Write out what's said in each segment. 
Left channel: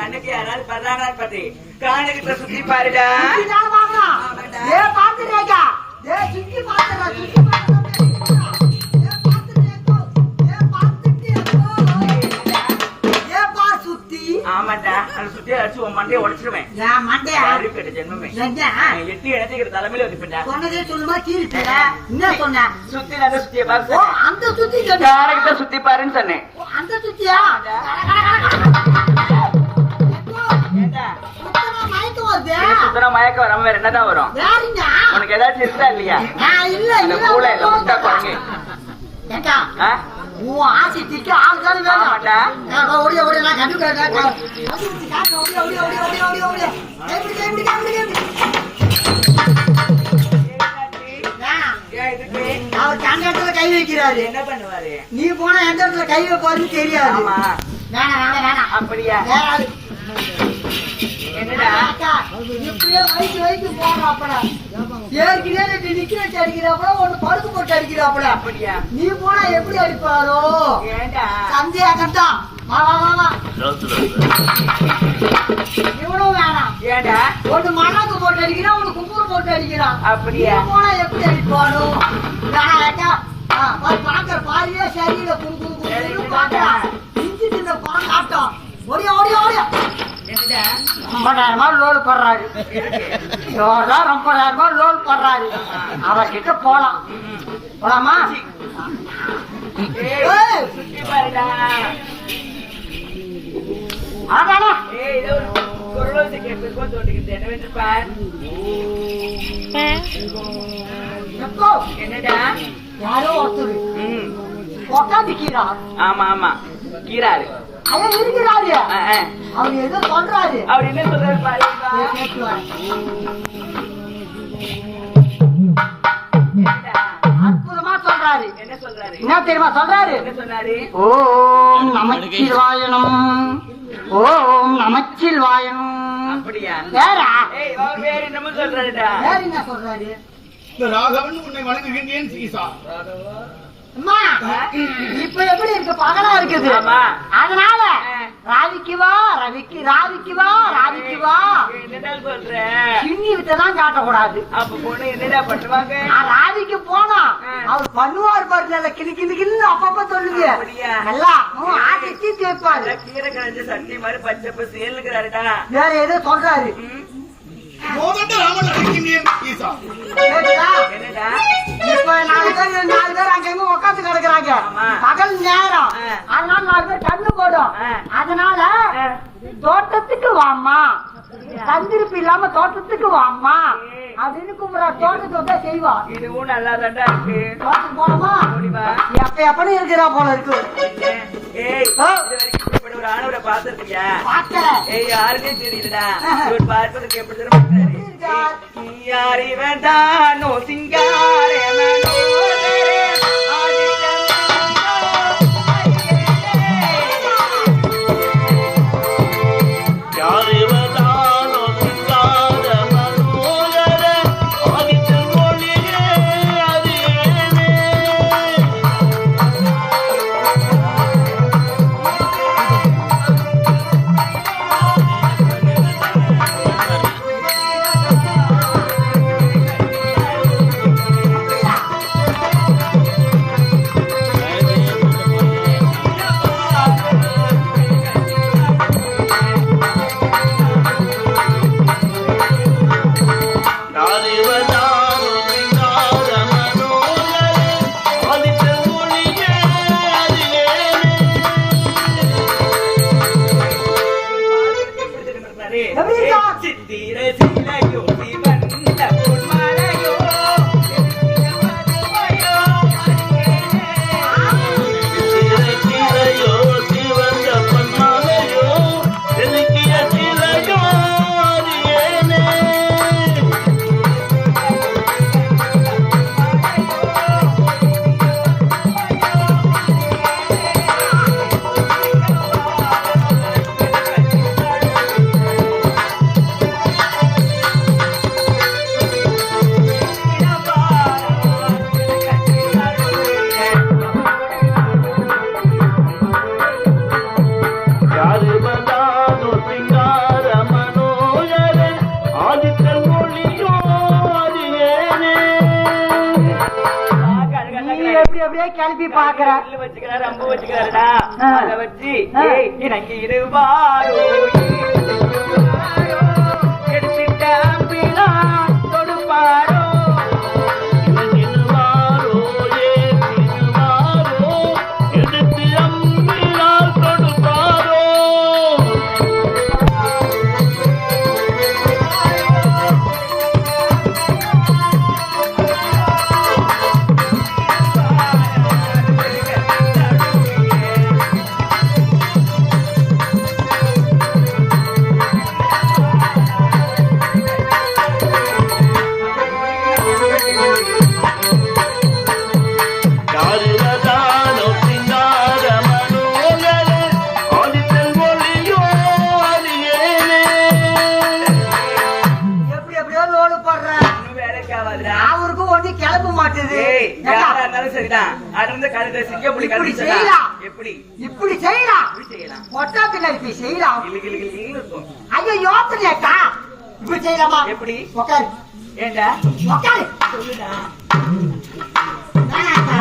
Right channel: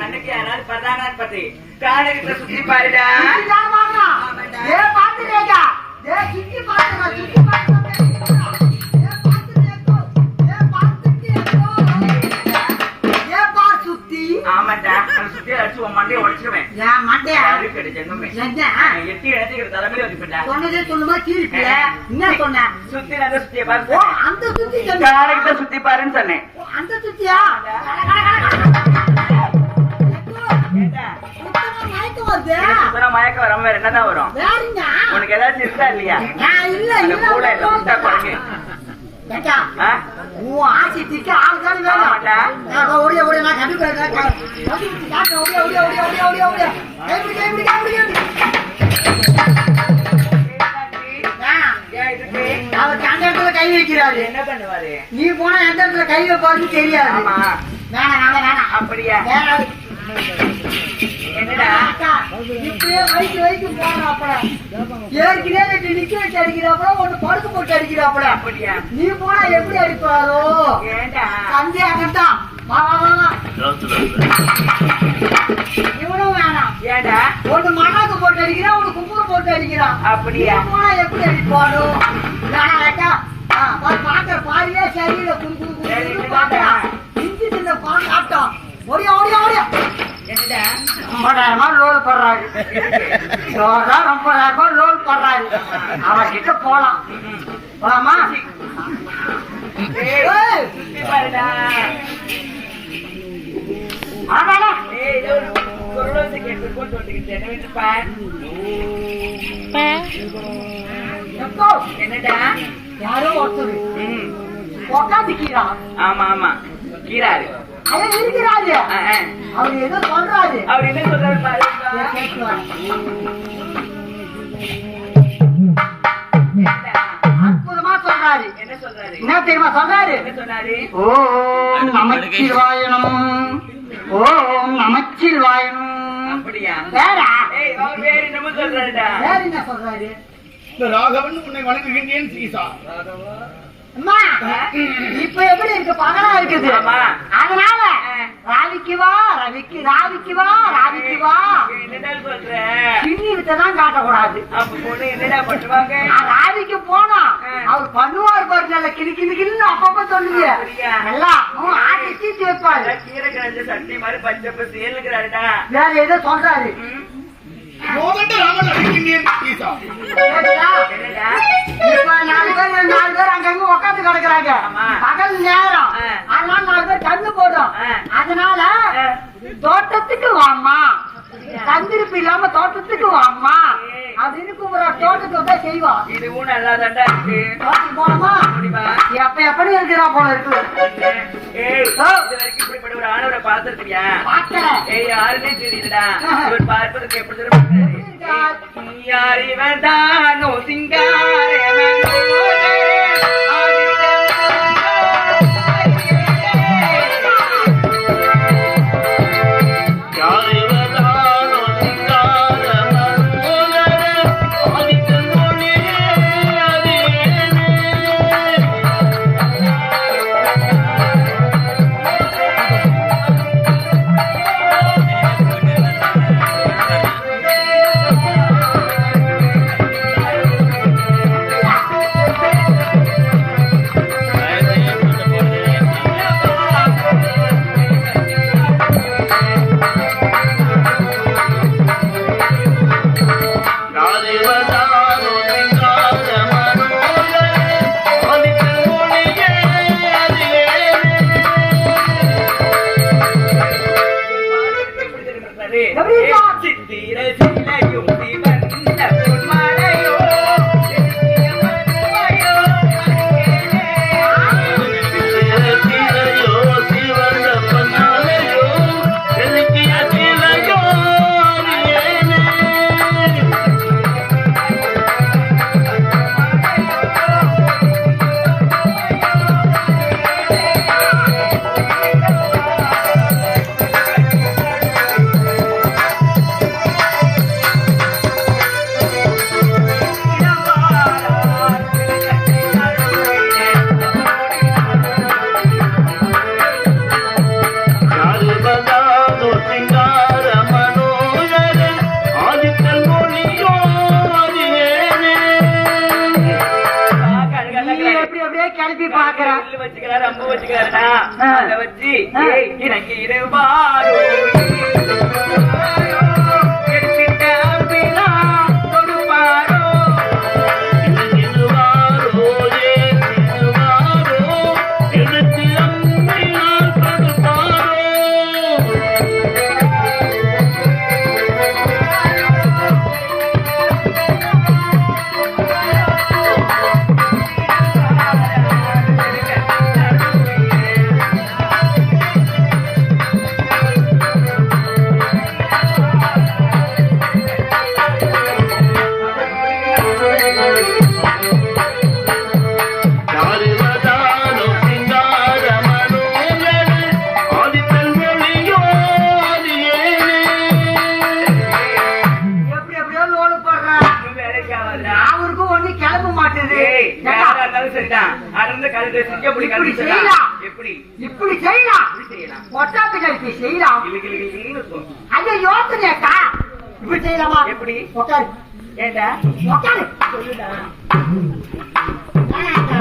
கண்ணுக்கு யாராவது பர்றானான்னு பத்தி காணுகிட்ட சுத்தி பாருடா. ஏ பாத்துறேடா, ஏ சுத்தி பாத்துறா, சுத்தி பாத்துறா, ஆமாண்டா, அந்த சுத்தியை அடிச்சு உன் மண்டையை உடைச்சிருவேன். இருக்கிற ஜென்மமே எட்டி இடத்துக்கிற தலைமையில வச்சுப்பா. சொன்னதே சொல்லுமா கீழிப்பிய என்ன சொன்ன? சுத்தி அந்த சுத்தியை பாரு. அந்த சுத்தி காலைக்கு சுத்தி பாருன்னு சொன்னேன். அந்த சுத்தியா மயக்க வராம வேற என்னதான் வரும்? உனக்கு ஏதாச்சும் இருக்கா இல்லையா? கூட இல்ல முட்டை குழங்கு ஆசிக்கு ஆள்தான் வேணும். ஓடிய ஓடிய நான் கண்டுக்கிறேன். அவர் அந்த இடத்துல கை வைக்கிறாரு. என்ன பண்ணுவாரு? நீ போனா எந்த இடத்துல கை வைப்பாருன்னு தெரியாது. வேணாம் அப்படியா? என்னடா இப்படியே வைக்கு போறாப்பட ஏற்கனவே நிக்க வச்சு அடிக்கிறாப்பட ஒண்ணு படுத்து போட்டு அடிக்கிறாப்பட. அப்படியா? நீ போனா எப்படி அடிப்பாரோ? ஏண்டா சந்தேகத்தான். வா இவனும் வேணாம். ஏண்டா ஒண்ணு மண்ணாக்கு போட்டு அடிக்கிறான், ஒண்ணு கும்பூர் போட்டு அடிக்கிறான். அப்படியா? போனா எப்படி அடிப்பானோ? வேணாக்கா பாக்குற பாரியே சரியில்லை. கும்பு பாக்குறான் இஞ்சி தின்ன பால் ஆட்டம். ஓடியா ஓடியா ஓடியா. 50,000 லோல் போடுறாரு. 50,000 லோல் போடுறாரு. அவர்கிட்ட போலாம். போலாமா? சுத்தி பாருடா. ஆமாண்ணா என்னடா யாரோ ஒருத்தர் உக்காந்துக்கிறா. ஆமா ஆமா கீராரு அவன் இருக்கிறாரு. அவர் ஏதோ சொல்றாரு. அவர் என்ன சொல்றாரு பாரு. அற்புதமா சொல்றாரு. என்ன சொல்றாரு? என்ன தெரியுமா சொல்றாரு? என்ன சொன்னாரு? ஓம் நமச்சிவாயனம், ஓம் நமச்சிவாயனம். அப்படியா? வேற வேற என்னமோ சொல்றாருடா. வேற என்ன சொல்றாரு? ராகவன் உன்னை வணங்குகின்றேன் சீசா. அம்மா இப்ப எப்படி இருக்கு? பகலா இருக்குது. அதனால ராவிக்கு வா என்னடா சொல்ற? சின்னி வித்ததான் காட்டக்கூடாது. அப்ப பொண்ணு என்னடா பண்ணுவாங்க? ராவிக்கு போனா அவர் பண்ணுவார் பாரு. நல்ல கிளி அப்பப்ப சொல்லுங்க. நல்லா ஆட்டி தேய்ப்பாரு. கீரை கிழந்து சட்டி மாதிரி பச்சை சேலுங்கிறாருடா. வேற ஏதோ சொல்றாரு. இப்ப 4 பேர் அங்கங்க உட்காந்து கிடக்குறாங்க. பகல் நேரம். அதனால 4 பேர் கண்ணு போடும். அதனால தோட்டத்துக்கு வாமா, தந்திருப்பு இல்லாம தோட்டத்துக்கு வாமா அப்படின்னு கூப்பிடுறா. தோட்டத்தை தான் செய்வா. இதுவும் நல்லா தாண்டா இருக்கு. தோட்டத்துக்கு போனோமா எப்படி இருக்கிறா போல இருக்கு. ஒரு ஆணவரை பாத்துருக்கியா? பாக்கிறேன். யாருன்னே தெரியலடா. இவர் பார்ப்பதற்கு எப்படி தெரியும்? யார் இவன் தானோ சிங்காரே கிளப்பி பாக்குறேன். வச்சுக்கிறாரு அம்பு வச்சுக்கிறாருடா அதை வச்சு எனக்கு இருபாரோ எடுத்துட்ட அம்பினா கொடுப்பாரோ எடுத்து அம்பினால் கொடுப்பாரோ எப்படி எப்படியோ லோடு போடுறேன். அவருக்கு ஒண்ணு கிளம்ப மாட்டேது. சரிதான் அடர்ந்த கழுத்தை சிக்க புடி இப்படி செய்யலாம். எப்படி இப்படி செய்யலாம். செய்யலாம் பொட்டா பின்னாடி செய்யலாம். இருக்கும் ஐயோ யோசனையாக்கா. இப்படி செய்யலாமா? எப்படி? உட்காரு. ஏண்டா உட்காரு. சொல்லுடா வேணாக்கா.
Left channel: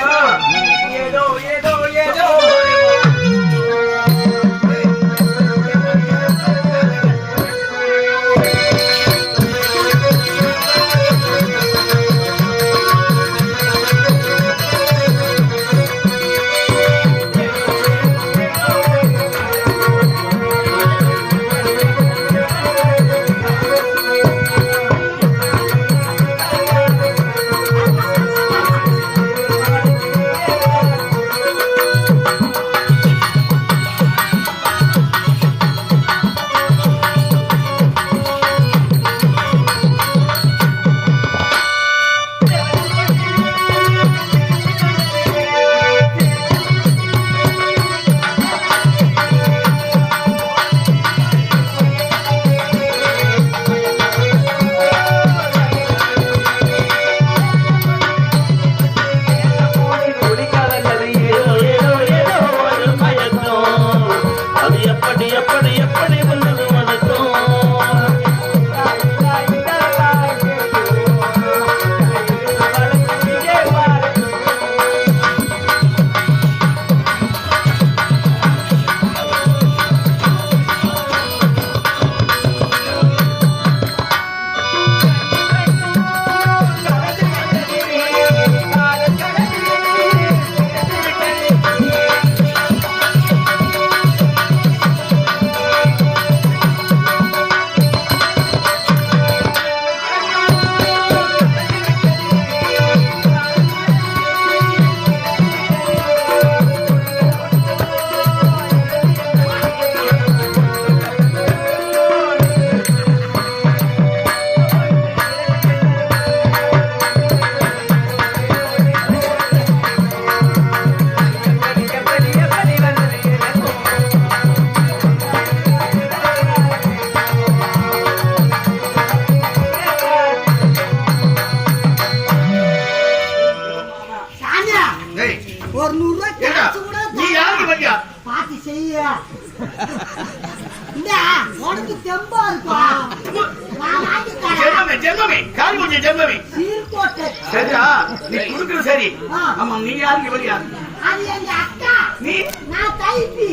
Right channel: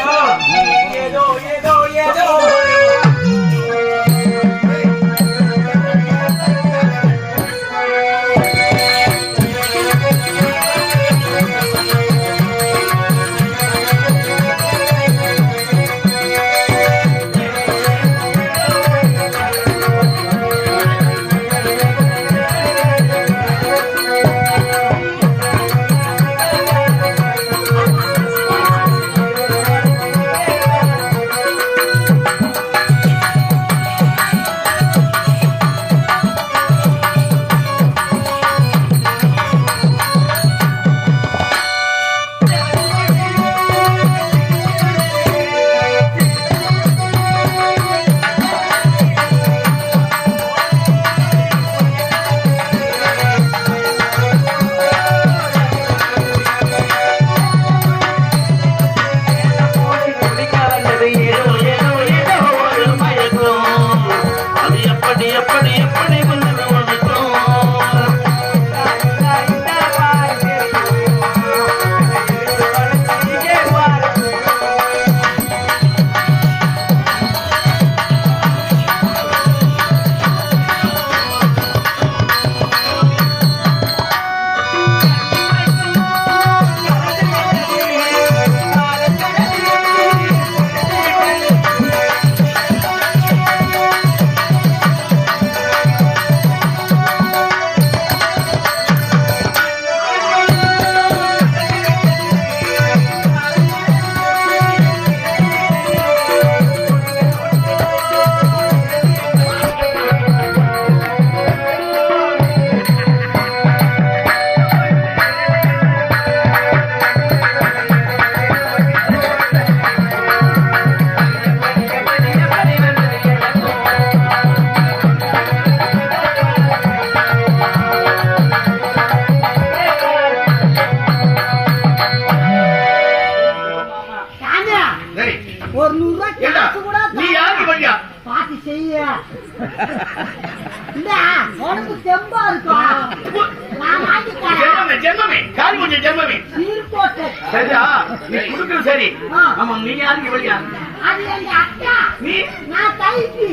ஏதோ ஏதோ ஏதோ ஒரு 100 ரூபாய் காசு கூட நீ யாருக்கு பண்ணியா பாத்தி செய்ய இந்த உனக்கு தெம்பா இருக்கும். நான் வாங்கி தரேன். ஜென்மமே ஜென்மமே காரி முடிஞ்ச ஜென்மமே சீர்கோட்டு. சரிடா நீ குடுக்குறது சரி. ஆமா நீ யாருக்கு பண்ணியா அது எங்க அக்கா. நீ நான் கைப்பி.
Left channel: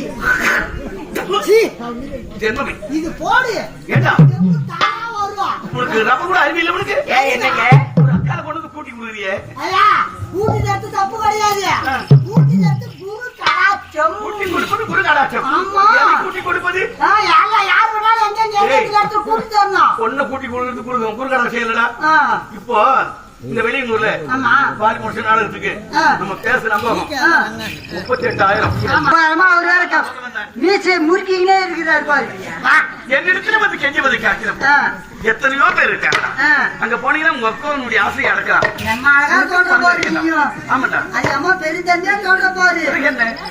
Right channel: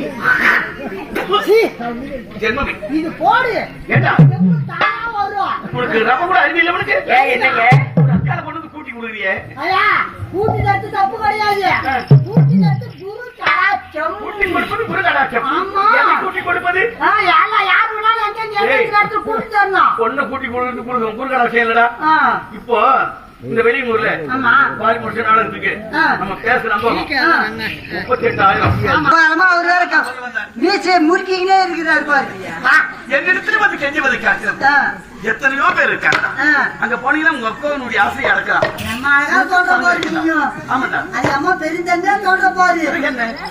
ஜென்மமே இது போடு. ஏண்டா தெம்பு தானா வரும். உனக்கு ரப்ப கூட அறிவு இல்ல உனக்கு என்னங்க ஒரு அக்கால கொண்டு வந்து கூட்டி கொடுக்குறியே ஐயா கூட்டி தட்டு தப்பு கிடையாது. கூட்டி தட்டு குரு கடாச்சம். கூட்டி கொடுப்பது குரு கடாட்சம். ஆமா. எதை கூட்டி கொடுப்பது யார் வேணாலும் எங்க கூட்டி தரணும். பொண்ணு கூட்டி கொடுத்து குரு கடாட்சம் இல்லடா. இப்போ இந்த வெளியூர்ல ஆமா. பாலி முடிச்ச நாடகத்துக்கு நம்ம பேச நம்புறோம் 38,000 வீச்சு முறுக்கிக்கினே இருக்கிறார் பாரு. என்னிடத்துல வந்து கெஞ்சுவது கேட்கிறேன். எத்தனையோ பேர் இருக்காங்க. அங்க போனீங்கன்னா உங்க அக்காவுடைய ஆசையை அடக்கலாம். நம்ம அழகா சொல்ற பாரு. ஆமாடா அது அம்மா பெருந்தன்மையா சொல்ற பாரு.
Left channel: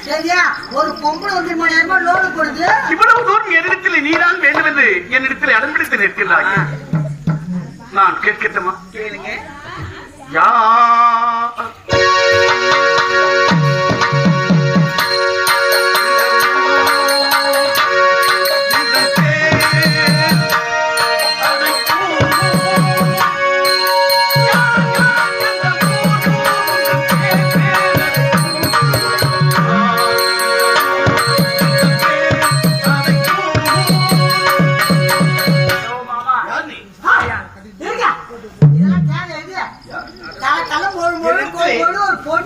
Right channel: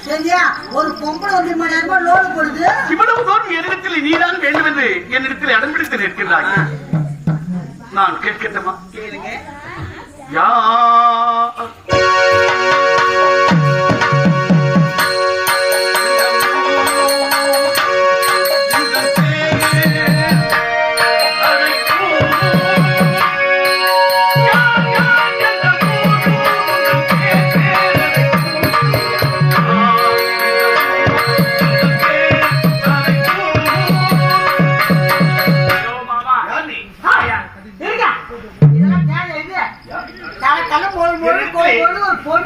சரியா ஒரு பொம்பளை 1 மணி நேரமா லோடு கொடுத்து இவ்வளவு தூரம் என்னிடத்தில் நீதான் வேண்டும் என்று என்னிடத்தில் இடம் பிடித்து நிற்கிறாய். நான் கேட்கட்டுமா? கேளுங்க. யா Yeah.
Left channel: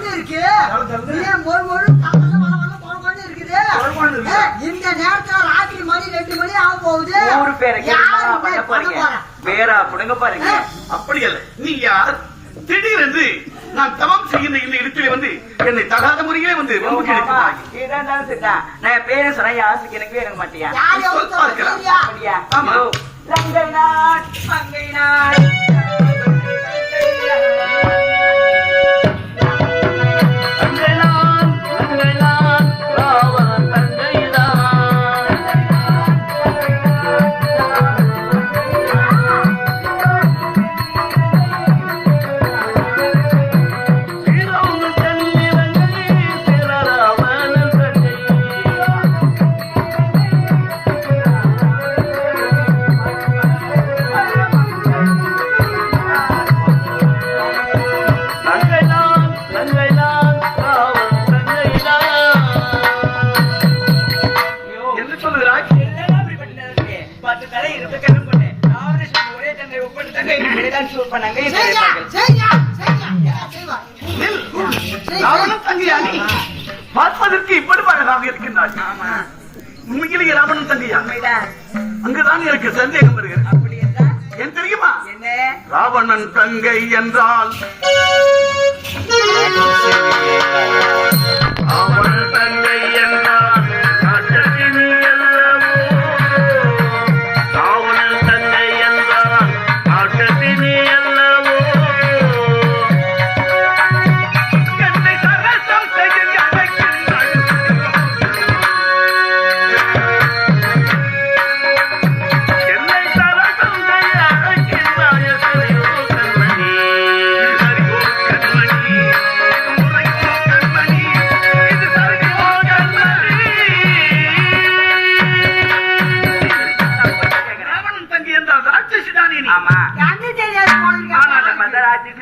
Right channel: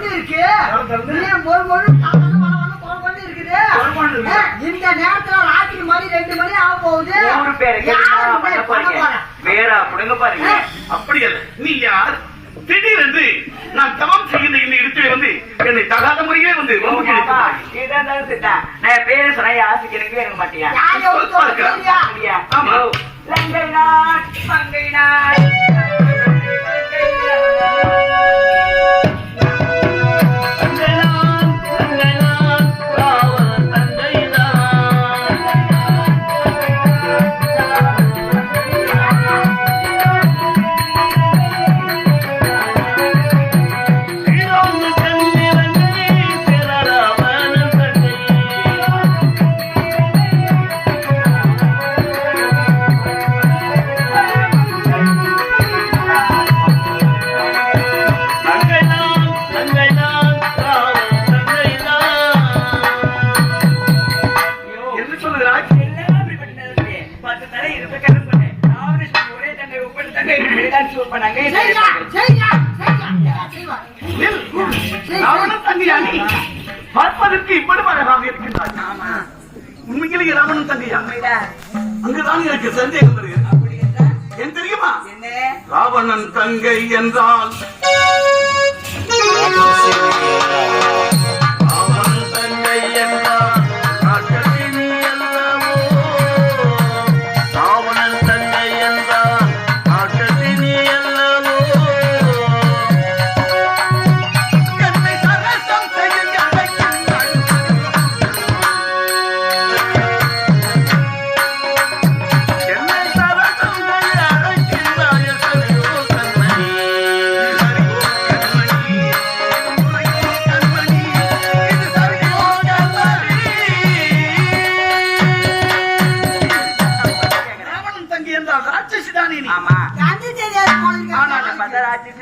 கொண்டு இருக்கு ஏன் மொழு மொழு கொண்டு இருக்குது இந்த நேரத்துல ராத்திரி மணி 2 மணி ஆக போகுது ஊரு பேரை பண்ண போறீங்க வேற அப்படிங்க பாருங்க. அப்படி அல்ல, நீ யார்? திடீரென்று நான் தவம் செய்கின்ற இந்த இடத்திலே வந்து என்னை தகாத முறையே வந்து ரொம்ப கிடைத்தாய். நான் பேர சொன்ன ஆசைக்கு எனக்கு இருக்க மாட்டியா? ஆமா. லங்கை நாட் மங்கை நாட் பார்ப்பதற்கு இவ்வளவு அழகாக இருக்கின்றார். உண்மையிலேயே ராவணன் தங்கையா? அங்குதான் எனக்கு சந்தேகம் வருகிறது. ஏன் தெரியுமா? ராவணன் தங்கை என்றால் ராவணன் தங்கை என்றால்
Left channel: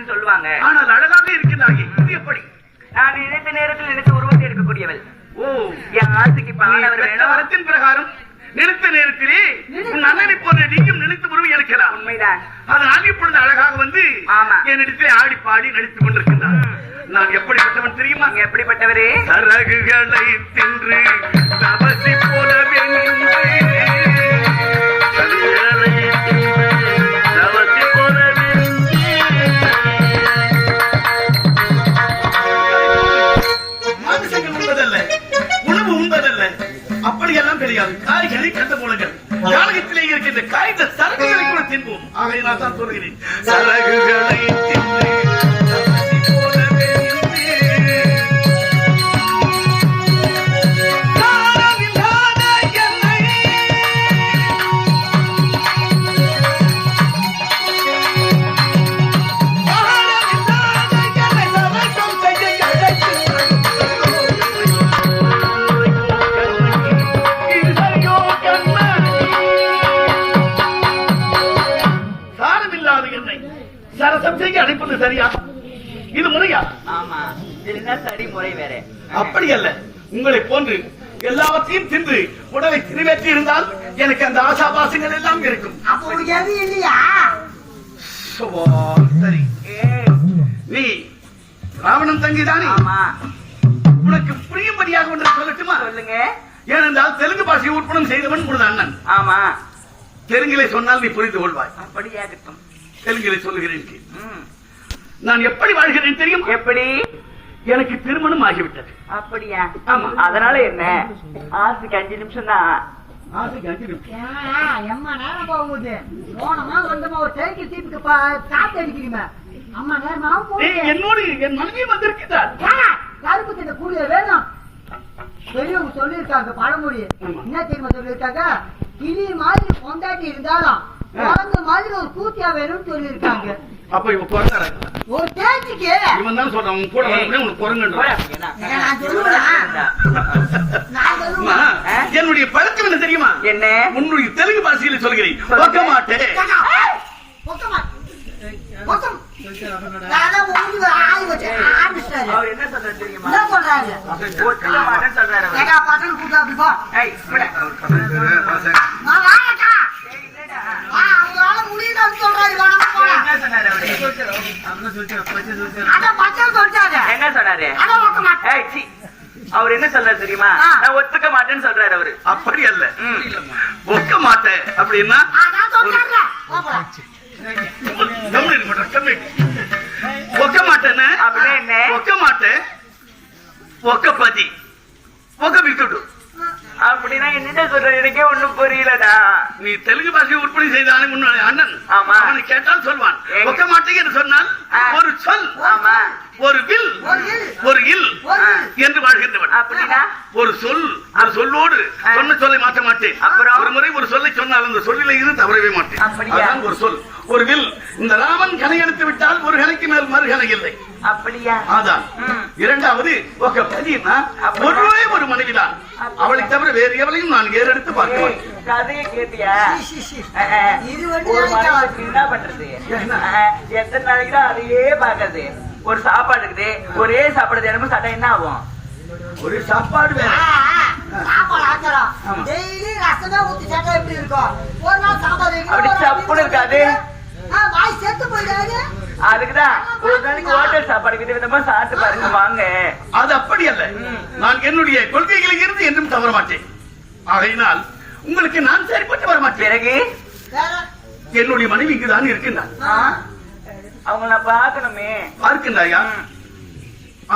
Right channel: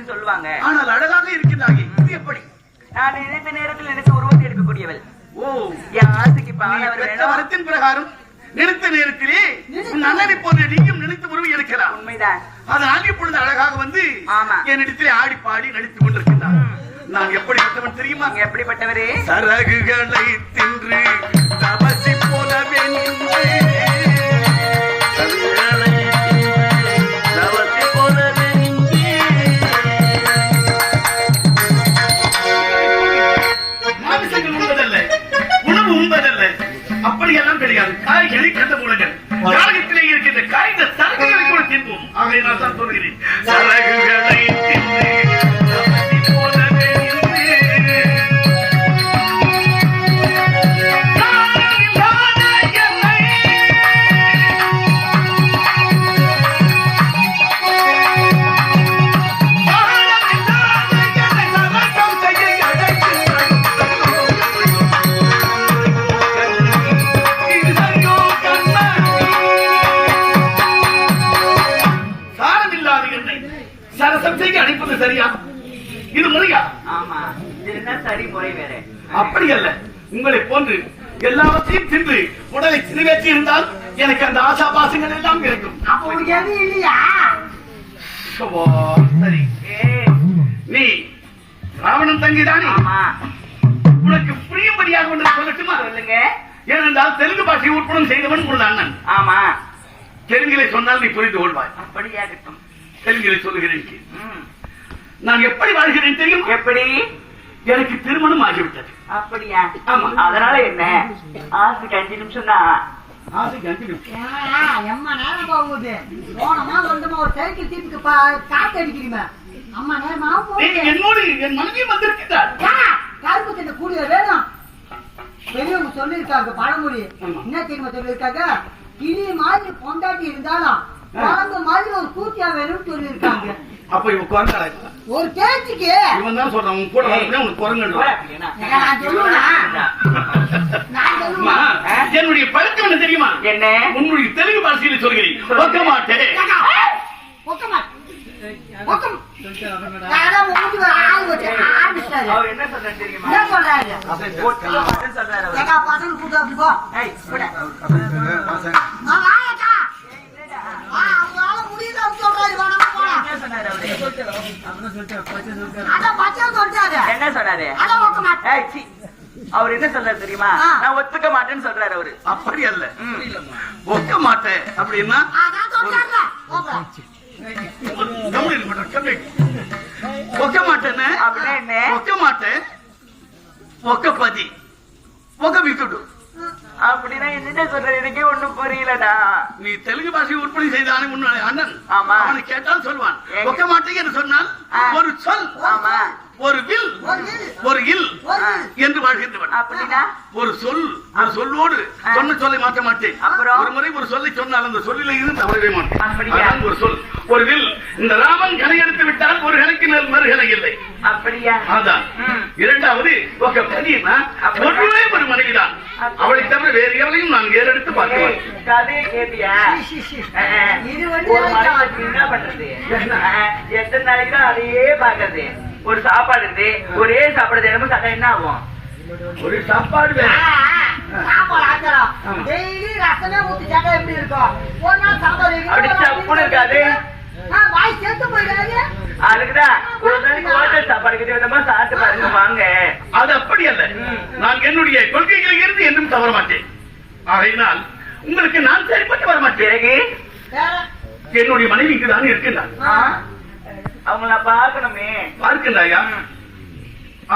சொல்லுவாங்க. ஆனால் அழகாக இருக்கிறாயே, இது எப்படி? நான் நினைத்த நேரத்தில் நினைத்த உருவத்தை எடுக்கக்கூடியவள். என் ஆசைக்கு வரத்தின் பிரகாரம் நினைத்த நேரத்திலே உன் அண்ணனை போன்ற நீயும் நினைத்து உருவி எடுக்கலாம். உண்மைதான். அதனால் இப்பொழுது அழகாக வந்து என்னிடத்திலே ஆடி பாடி நடித்துக் கொண்டிருக்கிறார். நான் எப்படிப்பட்டவன் தெரியுமா? எப்படிப்பட்டவரே? சரகுகளை தின்று தபசி போலவே நின்று அப்படியெல்லாம் கிடையாது. காய்கறி கண்ட மூலங்கள் காலகத்திலே இருக்கின்ற காய்ந்த சரக்குகளை கூட தின்போம். ஆகவே நான் தான் சொல்கிறேன், சரகுகளை தின்று போலவே அழைப்பது சரியா? இது முறையா? ஆமா, இது சரி முறை வேற. அப்படி அல்ல, உங்களை போன்று எல்லாவற்றையும் தின்று உடலை நிறைவேற்றி இருந்தால் எனக்கு அந்த ஆசாபாசங்கள் எல்லாம் இருக்கும். இல்லையா? சரி, நீ ராவணன் தங்கிதானே? ஆமா. உனக்கு புரியும்படியாக ஒன்று சொல்லட்டுமா? சொல்லுங்க. ஏனென்றால் தெலுங்கு பாஷையை உட்படம் செய்தவன் உனது அண்ணன். ஆமா. தெலுங்கிலே சொன்னால் நீ புரிந்து கொள்வாய். அப்படியாகட்டும். தெலுங்கிலே சொல்லுகிறேன். நான் எப்படி வாழ்கிறேன் தெரியும்? எப்படி? எனக்கு திருமணம் ஆகிவிட்டது. அப்படியா? ஆமா. அதனால என்ன? ஆசைக்கு 5 நிமிஷம் தான். ஆசைக்கு 5 நிமிஷம் எம்மா நேரம் போகுது. போனமா வந்தமா ஒரு சைக்கிள் தீட்டுக்கு காத்து அடிக்கிறீங்க. அம்மா நேரமா போகுது. என்னோடு என் மனைவியும் வந்திருக்கிறார். கருப்பு திட்ட கூலிய வேணும். பெரியவங்க சொல்லியிருக்காங்க பழமொழி. என்ன தெரியுமா சொல்லியிருக்காங்க? கிளி மாதிரி பொண்டாட்டி இருந்தாலும் குழந்தை மாதிரி ஒரு கூத்தியா வேணும்னு சொல்லியிருக்காங்க. அப்ப இவன் குரங்கு ஒரு பேச்சுக்கு இவன் தான் சொல்றான், கூட உனக்கு குரங்கு. என்னுடைய பழக்கம் என்ன தெரியுமா? என்ன? உன்னுடைய தெலுங்கு பாஷையில் சொல்கிறேன். ஒக்க மாட்டேன். என்ன சொல்ற தெரியுமா? முடியுதான்னு சொல்றாரு. அதான் பச்சை சொல்லிட்டாரு. என்ன சொன்னாரு? அதான் ஒக்க மாட்டேன். ஏய், சீ. அவர் என்ன சொல்றாரு தெரியுமா? நான் ஒத்துக்க மாட்டேன்னு சொல்றாரு அவரு. அப்படி அல்ல, ஒக்க மாட்டேன் அப்படின்னா அதான் சொல்றாருல. போப்பா. ஒக்க மாட்டேன்னு அப்படின்னா என்ன? ஒக்க மாட்டேன், ஒக்கப்பதி, ஒக்க விட்டுடு. அப்படின்னா என்னட்ட சொல்ற? எனக்கே ஒண்ணும் புரியலடா. நீ தெலுங்கு பாஷை உற்பத்தி செய்தானே உன்னுடைய அண்ணன். ஆமா. அவனை கேட்டால் சொல்வான். ஒக்க மாட்டேன் என்று சொன்னால் ஒரு சொல், ஆமா, ஒரு வில், ஒரு இல் என்று வாழ்கின்றவன். அப்படின்னா ஒரு சொல், ஒரு சொல்லோடு சொன்ன சொல்லை மாற்ற மாட்டேன். அப்புறம்? ஒரு முறை ஒரு சொல்லை சொன்னால் அந்த சொல்லிலே இருந்து தவறவே மாட்டேன். அப்படியா? அதான் ஒரு சொல், ஒரு வில். இந்த ராமன் கலை எடுத்து விட்டால் ஒரு கலைக்கு மேல் மறுகலை இல்லை. அப்படியா? அதான். இரண்டாவது ஒக்க பதினா ஒருவரே ஒரு மனைவிதான். அவளை தவிர வேறு எவளையும் நான் ஏறெடுத்து பார்க்கிறேன். கதையை கேட்டியா? இது வந்து ஒரு மனுஷனுக்கு என்ன பண்றது? எத்தனை நாளைக்கு தான் அதையே பாக்குறது? ஒரு சாப்பாடு இருக்குது, ஒரே சாப்பாடு தினமும் சாப்பிட்டா என்ன ஆகும்? ஒரு சாப்பாடு வேணும். சாப்பாடு ஆக்கிறோம். டெய்லி ரசமே ஊத்தி சாப்பிட்டா எப்படி இருக்கும்? ஒரு நாள் சாப்பாடு வைக்கணும், அப்படி ஒரு நாள் சப்புன்னு இருக்காது. வாய் செத்து போயிடாது. அதுக்குதான் ஒரு நாளைக்கு ஹோட்டல் சாப்பாடு கிட்ட விதமா சாப்பிட்டு பாருங்க வாங்க. அது அப்படி அல்ல. நான் என்னுடைய கொள்கைகளில் இருந்து என்றும் தவற மாட்டேன். ஆகையினால் உங்களுக்கு நான் சரிப்பட்டு வர மாட்டேன். பிறகு வேற என்னுடைய மனைவி இங்குதான் இருக்கின்றான். அவங்க நான் பாக்கணுமே. பார்க்கின்றாயா?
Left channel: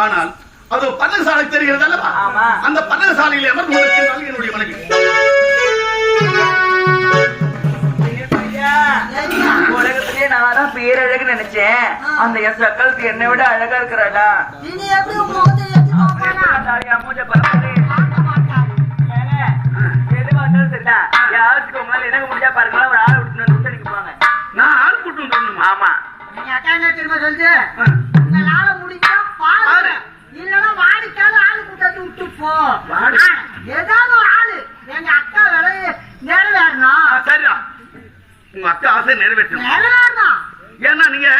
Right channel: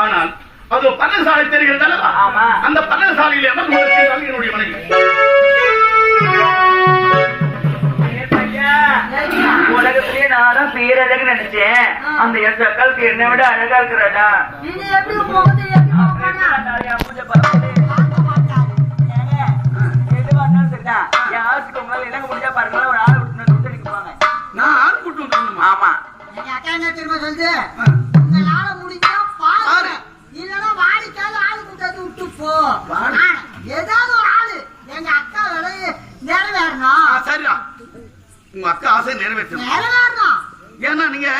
ஆனால் அது பன்னசாலை தெரிகிறது அல்லவா? ஆமா. அந்த பன்னசாலையில் அமர்ந்து இருக்கின்றாள் என்னுடைய மனைவி. உலகத்திலேயே நான் தான் பேரழகு நினைச்சேன். அந்த என் சக்காலுக்கு என்னை விட அழகா இருக்கிறாடா. இனி எப்படி போகுது? எப்படி போவானா? எதுவா இருந்தாலும் சரிதான். யாருக்கு உங்களால எனக்கு முடிஞ்சா பாருங்களா, ஒரு ஆள் விட்டு பண்ணிக்கு போவாங்க. நான் ஆள் கூட்டம் பண்ணணுமா? ஆமா. எங்க அக்கா என்ன தெரியுமா சொல்லுது? உங்களால முடிஞ்சா பாரு, இல்லன்னா வாடிக்கால ஆளு கூட்டாது விட்டு போ. ஏதாவது ஒரு ஆளு எங்க அக்கா வேலையை நிறைவேறணும். சரிதான், உங்க அக்கா ஆசை நிறைவேற்றணும். நிறைவேறணும். ஏன்னா நீங்க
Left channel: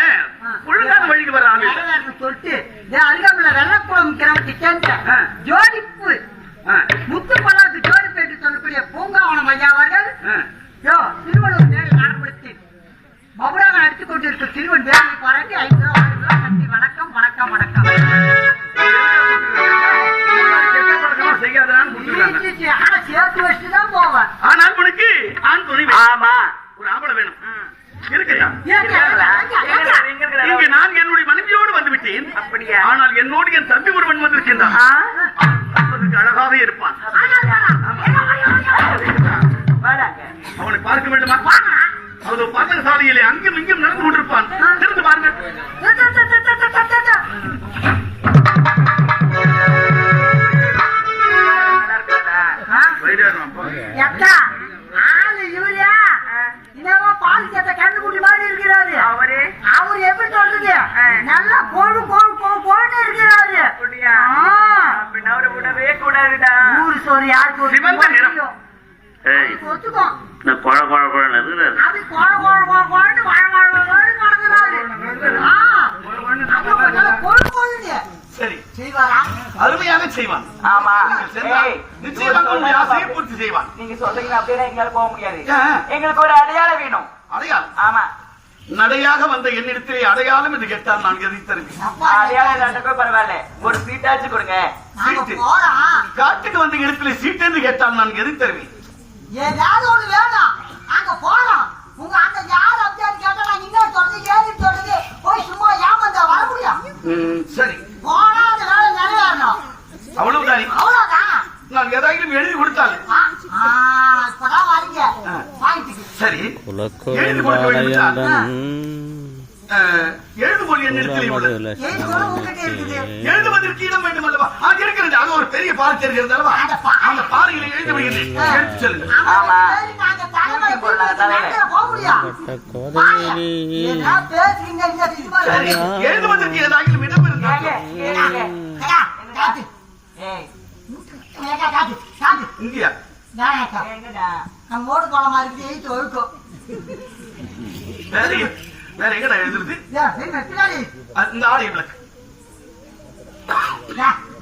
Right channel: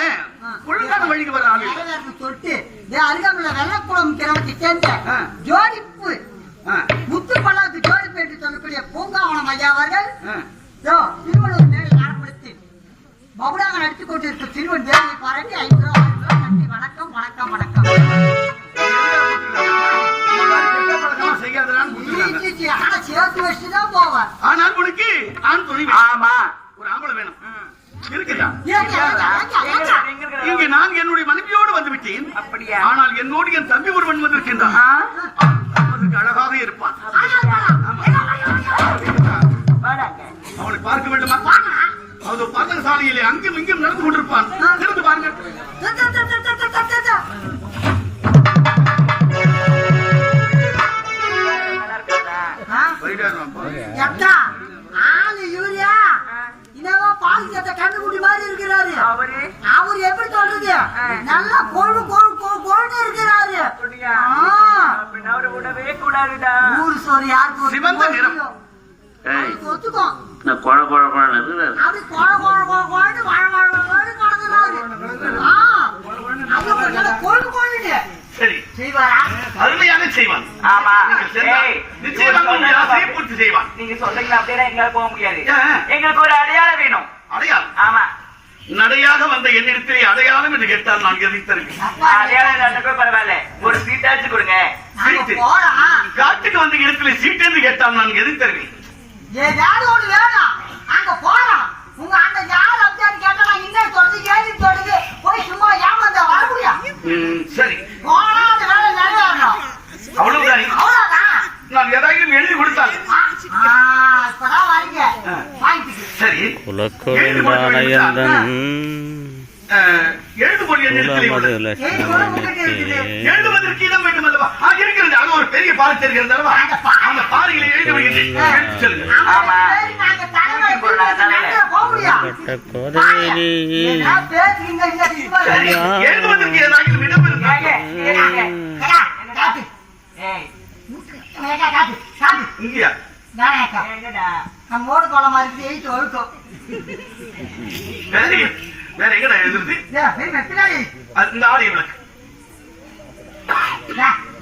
ஒழுங்கான வழிக்கு வர ஆளு. நிறைவேறணும் சொல்லிட்டு அருகாமல வெள்ளக்குளம் கிராமத்தை சேர்ந்த ஜோடிப்பு முத்து பல்லாக்கு ஜோடி பேட்டு சொல்லக்கூடிய பூங்காவனம் ஐயா அவர்கள் திருவள்ளுவர் நேரை நடப்படுத்தி பபுராக நடித்துக் கொண்டிருக்கும் திருவன் தேவியை பாராட்டி 5 ரூபாய் நன்றி. வணக்கம் வணக்கம் வணக்கம். ஆனா சேர்த்து வச்சுதான் போவேன். ஆனால் உனக்கு ஆண் துணை வேணும். ஆமா. ஒரு ஆம்பளை வேணும். இருக்குதா? ஏங்க இங்க நான் என்னுடைய மனைவியோடு வந்து விட்டேன். அப்படியா? ஆனால் என்னோடு என் தம்பி ஒருவன் வந்திருக்கின்றான். பார்ப்பதற்கு அழகாக இருப்பான். அவனை பார்க்க வேண்டுமா? அவன் பதன சாலையிலே அங்கும் இங்கும் நடந்து கொண்டிருப்பான். திறந்து பாருங்க. ஆளு யூரியா இன்னமா பால் சேர்த்த கண்ணுக்குட்டி மாதிரி இருக்கிறாரு. அவரு எப்படி சொல்றது? நல்லா கொழு கொழு கொழுன்னு இருக்கிறாரு. அவரை விடவே கூடாதுடா. ஊரு சோறு யாருக்கு சிவந்த நிறம். ஒத்துக்கோ. நான் குழ குழ குழன்னு இருக்கிறாரு. அது கொழ கொழ கொழன்னு நடக்கிறாரு. கொழு கொழுன்னு சரி, செய்வாரா? அருமையாக செய்வான். ஆமா. நீங்கள் சென்றால் நிச்சயமாக உங்கள் ஆசையை பூர்த்தி செய்வான். நீங்க சொல்றீங்களா? அப்படின்னா எங்களால போக முடியாது. ஏன்? எங்களுக்கு ஒரு அடையாளம் வேணும். அடையாளம்? ஆமா. நடையாக வந்த என்னிடத்திலே அடையாளம் என்று கேட்டால் நான் எதை தருவேன்? அடையாளம் இல்லாட்டா பரவாயில்ல, ஒரு சீட்டாச்சு கொடுங்க. நாங்க போறோம். காட்டுக்கு வந்த இடத்துல சீட்டு என்று கேட்டால் நான் எதை தருவேன்? ஏதாவது ஒண்ணு வேணும். அங்க போறோம். உங்க அந்த யார் அப்படின்னு கேட்டா நான் இன்னும் தொடர்ந்து ஏறி தொடர்ந்து போய் சும்மா ஏமாந்த வர முடியும். சரி, போனா அந்த வேலை நிறைவேறணும். அவ்வளவுதானே? அவ்வளவுதான். நான் எதாயிலும் எழுதி கொடுத்தால் இப்பதான் வரீங்க வாங்கிட்டு. சரி, குலக்கொழுந்தானயந்தன் எழுதுகொள் என்னிடத்திலே உள்ளது. எழுதுவதற்கு இடம் வேண்டும் அல்லவா? இருக்கிறது. அங்க ஒரு பெரிய பாறை தெரிகிறது அல்லவா? அந்த பாறையில எழுதி வைக்கிறேன். சொல்லுங்க. ஆமா. நாங்க தலைவரை போக முடியும். சரி, எழுதுவதற்கு ஏதாயிலும் இடம் ஏங்க, இருக்கு. ஏய், இங்கயா? என்னடா? நம்மோடு குளமா இருக்குது. 8 ஒழுக்கும். வேற எங்கடா எழுதுறது? பின்னாடி இந்த ஆலய விளக்கு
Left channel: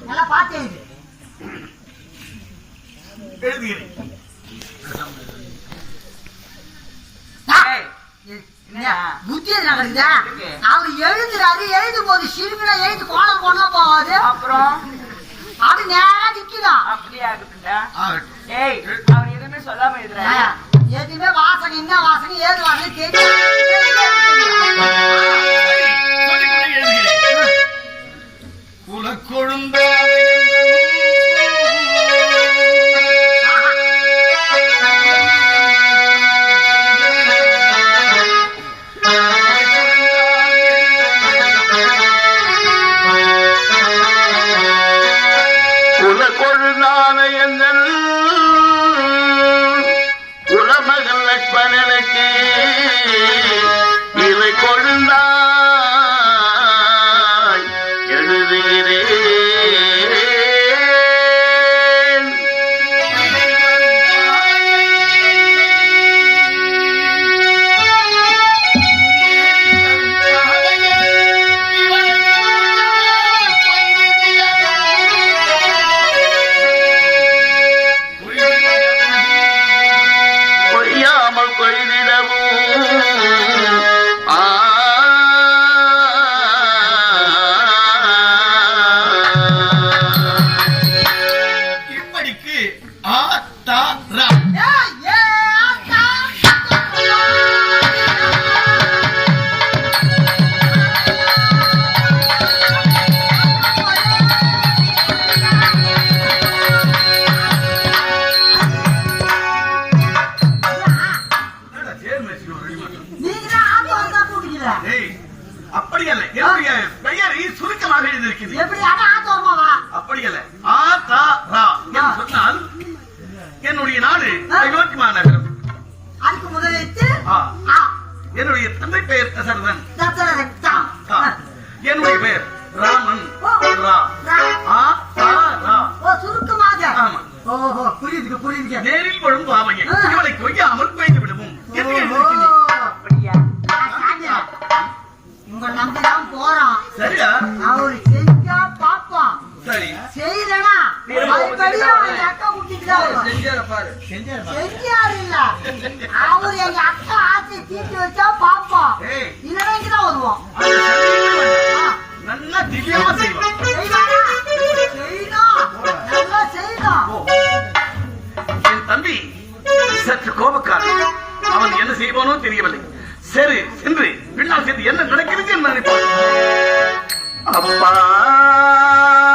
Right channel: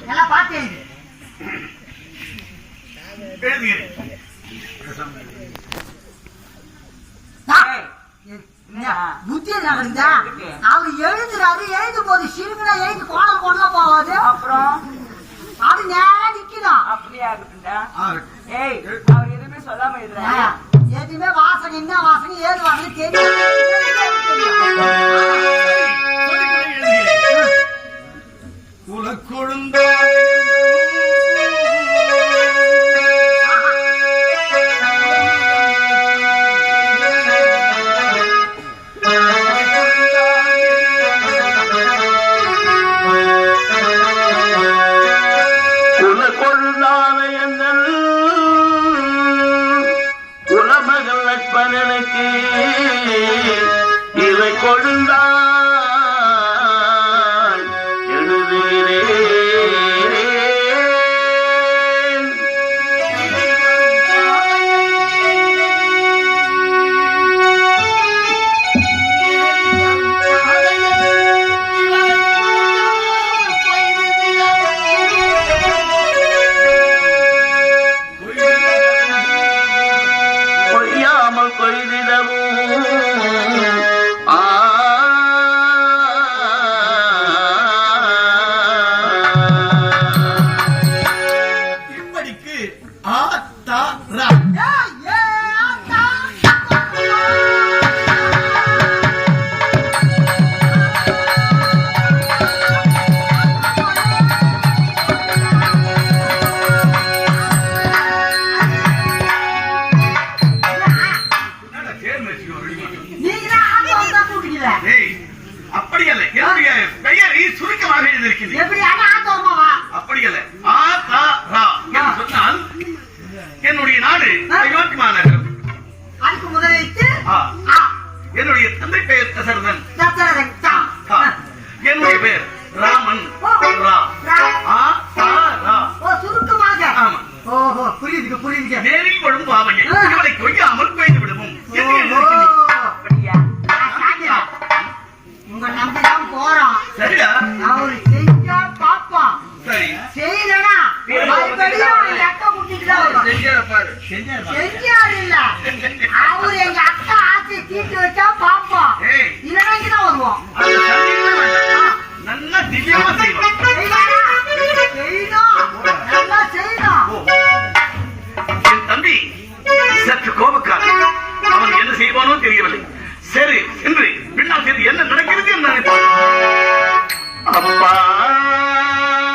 நல்லா பார்த்து எழுதுகிறேன். ஏய், புத்தி நடக்குதா? அவர் எழுதுறாரு, எழுதும் போது சிறுமினா எழுதி கோணல் கொண்டலாம் போகாது. அப்புறம் அது நேரா நிக்கலாம். அப்படியே ஆகுதுண்டா. ஏய், அவர் எதுவுமே சொல்லாம எழுதுறாரு. எதுவுமே வாசகம் என்ன வாசகம் ஏது வாசகம் தெரியும். குலக்கொழுந்தா உலமகள் நட்பனனுக்கு இதை கொழுந்தாய் எழுதுகிறேன். கொய்யாமல் கொய்திடவும் இப்படிக்கு ஆ தா ரா. அப்படி அல்ல, என்னுடைய பெயரை சுருக்கமாக எழுதியிருக்கிறது. எப்படி ஆத்தோமாவா? அப்படி அல்ல, ஆ தா ரா என்று சொன்னால் என்னுடைய நாடு அயோத்தி மாநகரம். அதுக்கு முதலிட்டு என்னுடைய தந்தை பெயர் தசரதன். தசரதன். என்னுடைய பெயர் ராமன். ரா. ஆ தா ரா. சுருக்கமாக. ஆமா. ஓஹோ, புரியுது புரியுது. நேரில் கொழுந்து வாமையன் இவனை கொய்யாமல் பெய்து விடுவோம். உங்க நம்பிதான் போறோம். சரியா? அவரு செஞ்சா பாப்போம். சரி. செய்யலனா மறுபடியும் அவரு அக்கா கூட்டிட்டு தான் வருவார். செஞ்சாரு இல்ல, அவரு எங்க அக்கா ஆசை தீட்டு வச்சா பாப்போம். இல்லைன்னா தான் வருவோம். நல்லா திவ்யமா செய்வோம். செய்யணும், நல்லா செய்யணும். என் தம்பி சற்று கோபக்காரன். அவன் என்ன செய்வானோ தெரியவில்லை. சரி என்று பின்னால் சேர்ந்து என்ன நடக்கிறது என்று நினைப்பான். அப்பா